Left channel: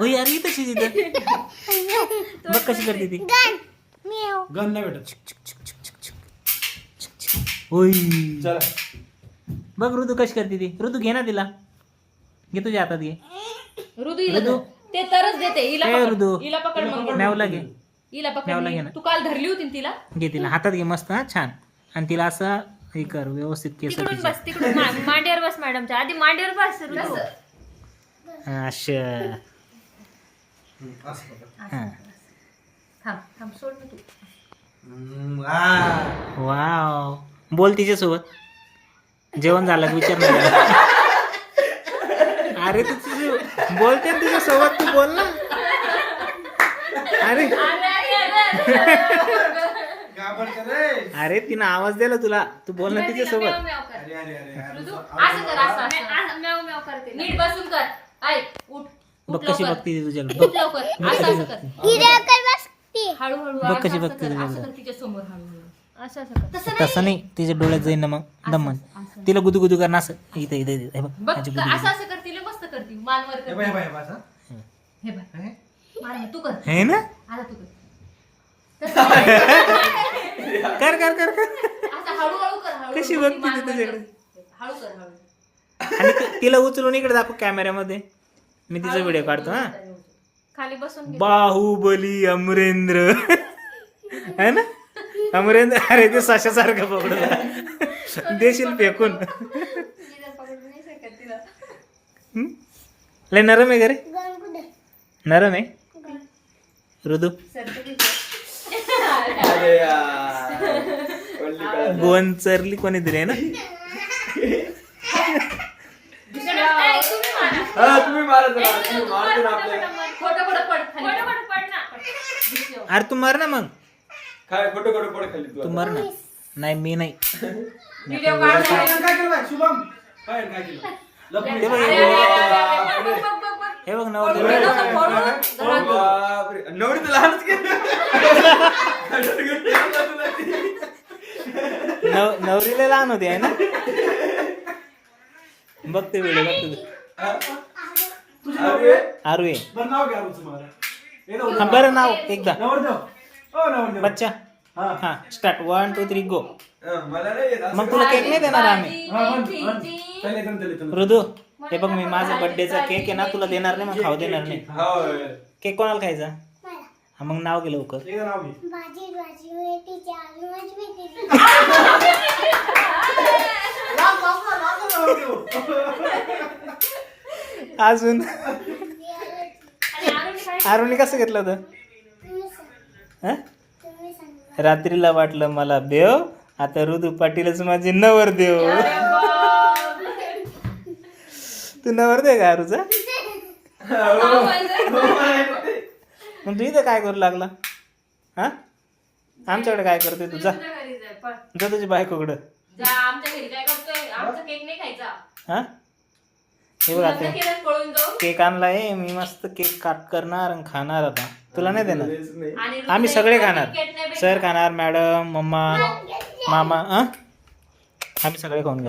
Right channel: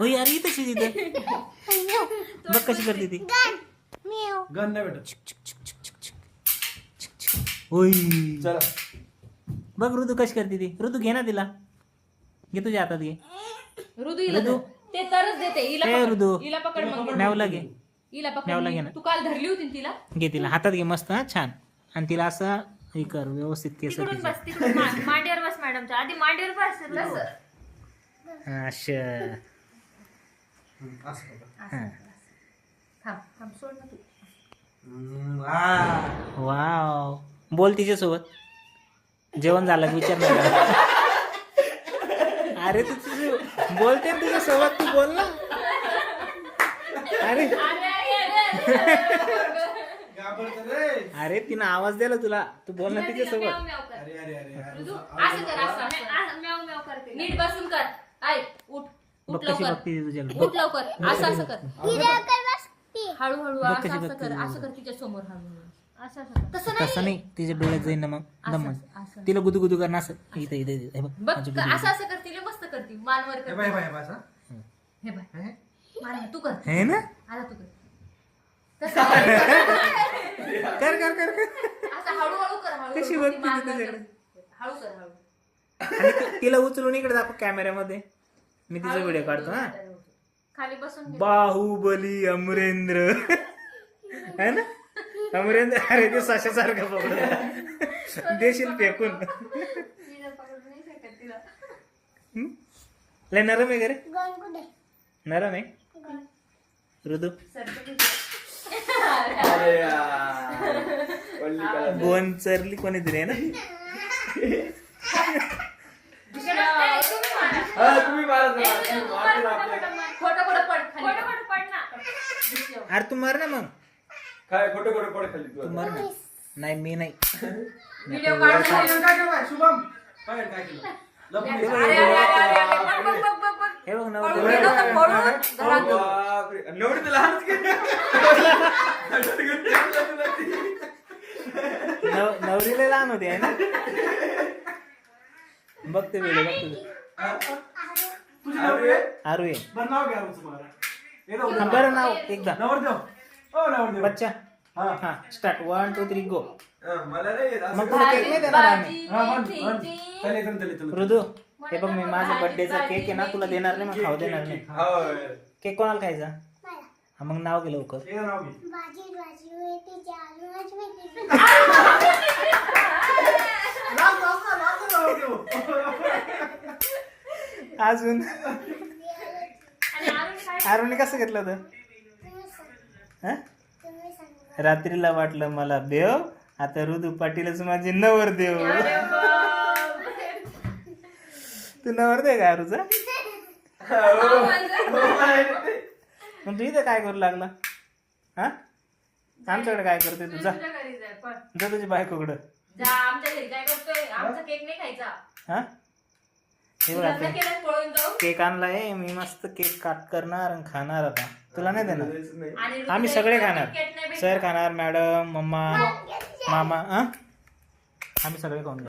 ओय अरे ही तशी तिथं बघ कशी करते ती गन नाही भेटत. ओय चला बघ ऋतू कशी करते ती. ऋतू घे ना तिला, घे तुझ्या हातात घे. ऋतू हिला ऋतू. धर. ते तरच देते हिला ए, पकड. ऋतू. हिला पकड मग. मॅवला घे, हिला मॅवला घे पकड. ना. तू काल धरली होती ना तिला. घे तिला हातात घे मस्त हा छान. आणि तिला असं हे कर व्यवस्थित केस तिकडून तिचे. बस तिकडून मांडीवर बस मॅडमच्या आधी मांडीवर बस ऋतू. असं असं बघा. हा. थांब थांब सोड ना तू. वाव बोल तिच्यासोबत. जेवण झालं का विचार नाही केला. अरे तू तुझं बोलते ना तिच्यासोबत, तू बोल ना. अरे घाबरते रे. अरे तिनं आवाज दिला तुला, तू बोल ना तिच्यासोबत. अरे अरे अरे ऋतू, अरे. असं कर असं म्याव म्याव करते. नीट बसून कर. ऐक उठ बघ उठ कशी लवकर. बघते ती तुझ्याला. उठ लवकर. असं असं कर. हळूहळू बघ कशी असं बघते कर. ती असं कर तिच्या समोर हळूहळू. असं असं कर. तसं तसं नाही, तिच्या डोळ्यात जाईन ना मग दमन. असं. तिला गुदू गुदू करणं असं. इथं इथं इथं. हे बघ बघ माझी गुदू असं गुदू. असं करतील मस्त करतील मानवर हे करतील. बाय बाय बाय असं. हे बघ हे? मार ना, तू कर. हे ना आता तू कर. तसं कर कर कर कर. असं हळूहळू कर. हळूहळू कशी ती बघते ती मानवर तुझ्याकडे. कर. हळू कर हळू. आणि तिला उचलून इकडे दाखव कॅमेऱ्यामध्ये. मी तिचा व्हिडिओ काढतो हा. खाली बसून घे. बाहुबली अमरेंद्र है ना. अमरेंद्र अरे ते सशासारखं पकडून देशील फेकून. तिला पकडू नाही शकत तिला. हम्म? लय नरम आहे का रे. नरम आहे ऋतू. अरे यार. कोल्ली काय? गोवन चरली कोणी दिली आहे ना. हा, तुम्ही मारा जरा. तुम्ही मारतो ना आपल्या. खोटं खोटं पड खाली. खोटं खोटं पड ना. अरे तू मर ना मग. काय खोटं खोटं पड खाली तू तू. मर ना. नाही मी नाही. व्हिडिओ काढ. काय केलं बाय शुभम? काय केलं? लपून हे बघ, घे. हे बघ, बघ, बघ, बघ, बघ. हे बघ अरे नवरदेव. बापरे. नवरी तर लहानच केलं. नवरीला लहान होती आहे ना. बघते व्हिडिओ बघते. अरे आरू आहे. बरं नाव घ्या तुमचं मला. हे जाऊ दे. हा, बरं नाव एकदा. नवरदेव. हो नवरदेव. बच्चा हा. हा स्टार्ट 1 2 3 गो. मला नाही येत असं. मग तुला केक नाही देणार आम्ही. हा, म्हण, म्हण. चल इथून चल इथून. ऋतू हे बघ मी माझा बर्थडेचा केक आहे ना तुला देणार नाही, मग खाऊ देणार नाही. हो. केक कोणाला खायचा. हा मग नाव घे लवकर. एकदा नाव घे. लांब लांब ना, लांब ना नवरदेव. अजून आणि आरुणी काय? आरूने कसं घेतलं होतं. हा? रात्रीला वाटलं मला देव, आता ऋतू पाटीलच माझी नवरदेव. अरे बाप. तू नवरदेव का आरूचा. मग तू इथं काय करू लागला. हा आमच्याकडे काय करते तुझा. तुझ्या घरी जाय, पळ. जा तुझ्या बायकोकडं. जा आमच्या घरी काय करतोय. आमचा केक नाही खायचा. हा हे बघ आता केलं पळून जाऊ. केक आणलाय मी, मस्त केक काट करणार आणि खाणार. आता तुला नाही देणार. तेच नाही. आणि आम्ही सगळे ऋतूला खाणार. तिकीट नाही भेटणार. सर खाणार, मॅडम, मम्मा, मामा. आम्ही सगळे खाऊन घेऊ.